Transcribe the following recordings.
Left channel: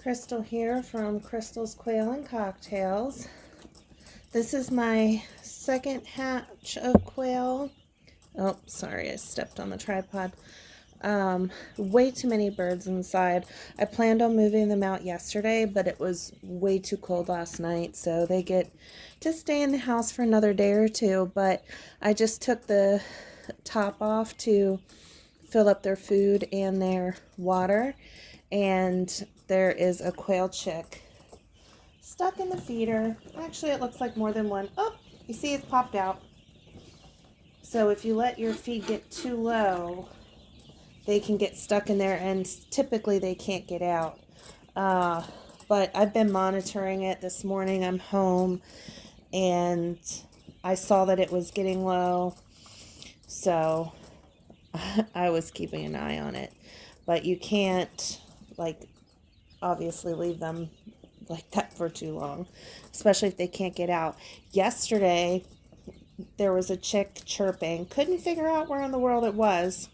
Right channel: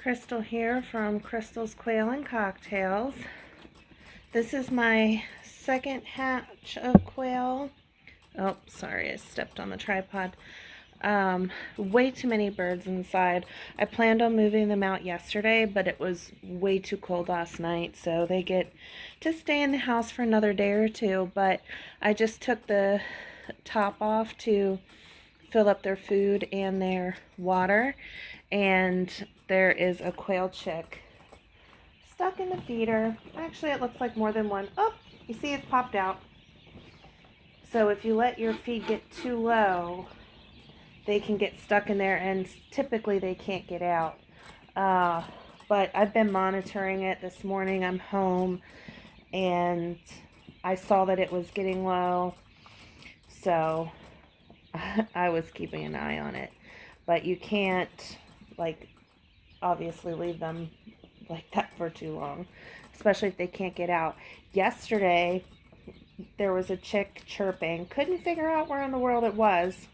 Crystal here from Crystal's Quail and Cocktails. This is my second hatch of quail. Oh, sorry, I stepped on the tripod. Way too many birds inside. I planned on moving them out yesterday, but it was way too cold last night, so they get to stay in the house for another day or two. But I just took the top off to fill up their food and their water, and there is a quail chick stuck in the feeder. Actually, it looks like more than one. Oh, you see it's popped out. So if you let your feed get too low, they can get stuck in there, and typically they can't get out. But I've been monitoring it. This morning I'm home and I saw that it was getting low, so I was keeping an eye on it. But you can't, like, obviously leave them like that for too long, especially if they can't get out. Yesterday there was a chick chirping. Couldn't figure out where in the world it was.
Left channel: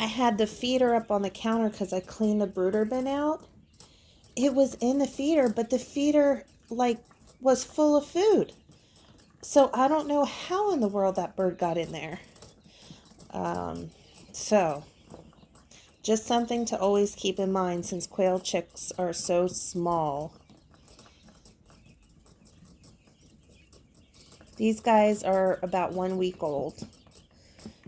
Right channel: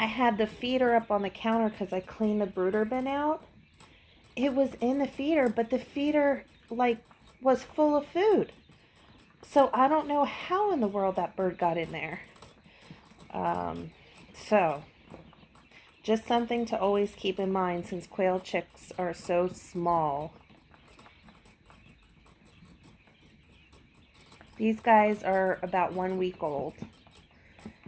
I had the feeder up on the counter because I cleaned the brooder bin out. It was in the feeder, but the feeder was full of food. So I don't know how in the world that bird got in there. So just something to always keep in mind since quail chicks are so small. These guys are about 1 week old.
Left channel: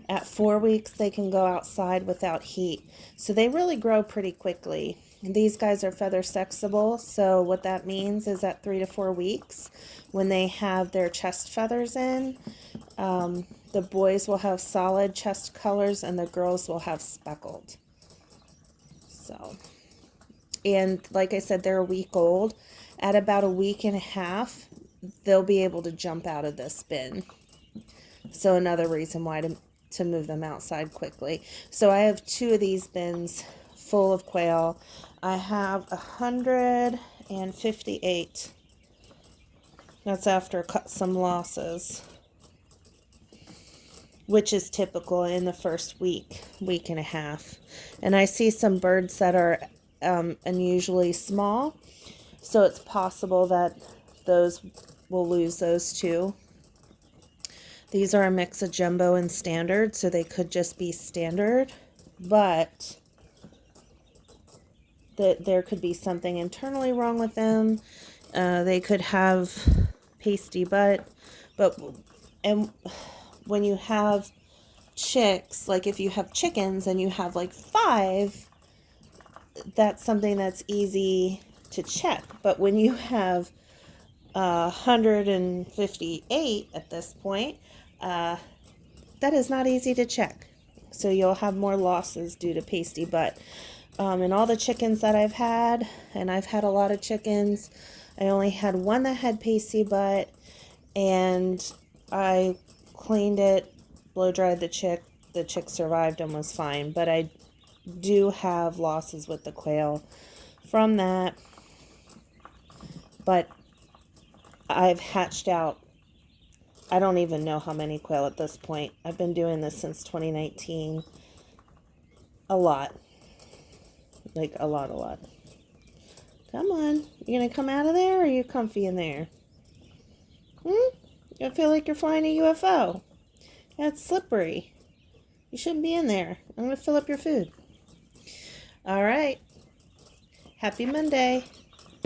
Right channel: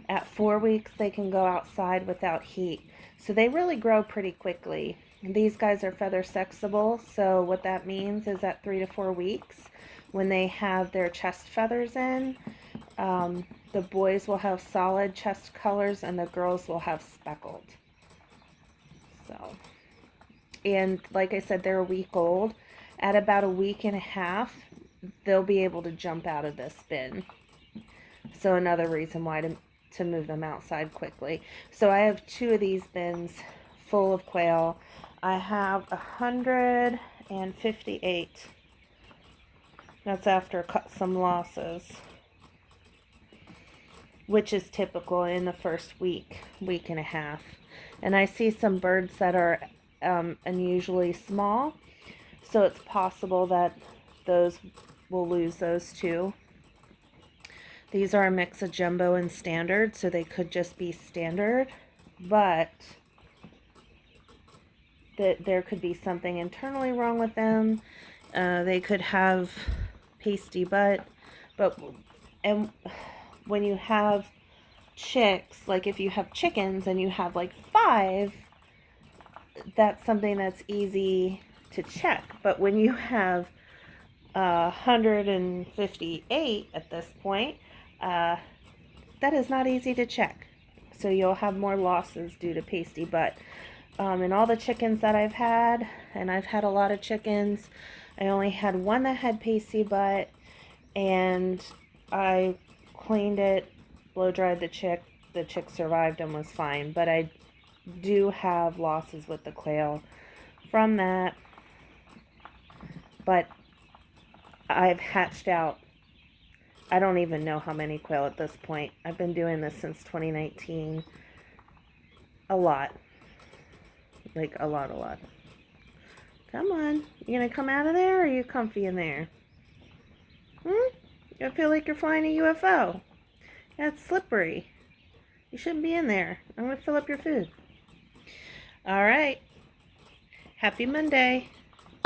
At 4 weeks, they can go outside without heat. So they really grow pretty quickly. These guys are feather sexable. So what that means is at 3 to 4 weeks, when they have their chest feathers in, the boys will have solid chest colors and the girls will have speckled. So, and like I said, they're a week old. At about a week and a half, they'll be able to jump out of this bin. So another reason why to move them outside quickly. So I have 2 of these bins full of quail. I have 158. That's after some losses, which is typical in the first week and a half. And I see some birds that are unusually small, so it's possible that those will lose those too. These are a mix of jumbo and standard, so they could just be standard, but there could be something internally wrong with them. They could have pasty butt, and when you have chicks, like if you have chickens and you have like 5, that's something that's easy to check. But when you have 158 at this point, that is not easy to check. So you'll have more losses due to pasty butt. And all the chickens that I've had, and I've had a lot of chickens, I only had one that had pasty butt, and I cleaned it, blow dried the chick. The chick survived and was fine, but I do have losses with the quail from that. But I've hatched out, I don't even know how many quail at this point. I've been doing this since 2019. A lot. Like a lot. Come on. You gonna come out of there, or are you comfy in there? I feel like you're flying a UFO. Yeah, it's slippery. You shouldn't be in there. I'm gonna fill up your food. All right. Happy Monday.